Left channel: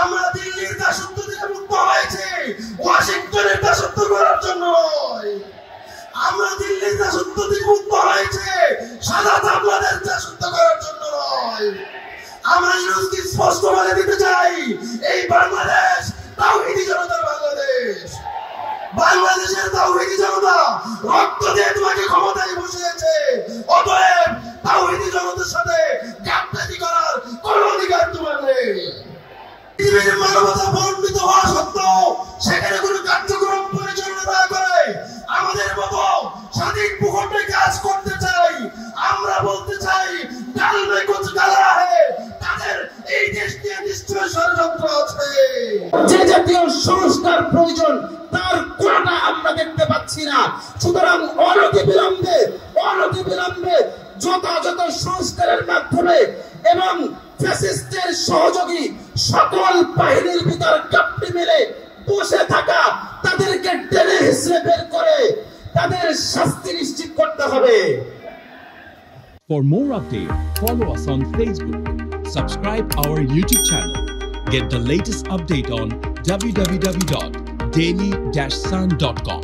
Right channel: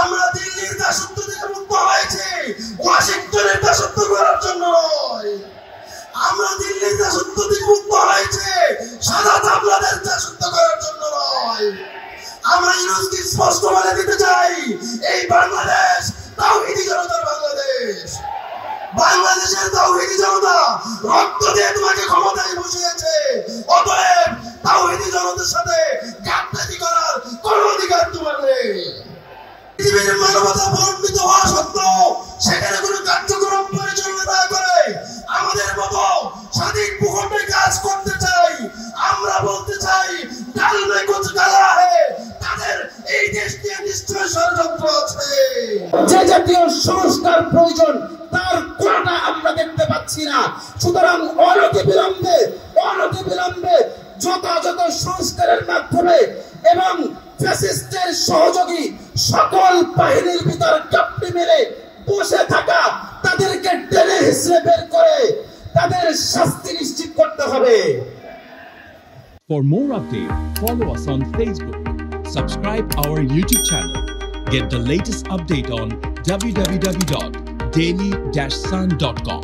আমরা দিল্লির দাসত্ব থেকে মুক্ত হয়েছি ওয়াশিংটনের দাসত্ব করার জন্য নয়। আমরা দিল্লির দাসত্ব থেকে মুক্ত হয়েছে সাদা চামড়াদের দাসত্ব করার জন্য নয়। আমরা ইউনুসকে স্পষ্ট বলে দিতে চাই, এই বাংলাদেশ তাওহীদি জনতার বাংলাদেশ। বাংলাদেশের তাওহীদি জনতা রক্ত দিয়ে তোমাকে ক্ষমতায় বসিয়েছে, অতএব তাওহীদি জনতার সাথে গাদ্দারি করার কোন অধিকার তোমার নেই। পৃথিবীর মানবতা বর্ণিত হওয়া সত্ত্বেও সেখানে কোনো কার্যক্রম পরিচালনা না করে আমাদের মতো স্বাধীন ভূখণ্ডে কাজ করতে চাই। আমরা বলতে চাই ডাল মে কুছ গালা হে, তাদের এই দেশ নিয়ে নিশ্চয় ষড়যন্ত্র আছে। যে জাতীয় সংস্কার প্রয়োজন তার কোনটা আমরা দেখতে পাচ্ছি না। সুতরাং অনতিবিলম্বে যথাযথ সংস্কারের মাধ্যমে এবং ফ্যাসিস্টের সহযোগী সকল বাহিনীর ভিতর কাপড়ে মেরে বসে থাকা তাদেরকে টেনে হিসেবে বের করে তাদের শাস্তি নিশ্চিত করতে হবে। For more updates, follow us on Facebook, subscribe our YouTube channel, get the latest update on www.daily-sun.com.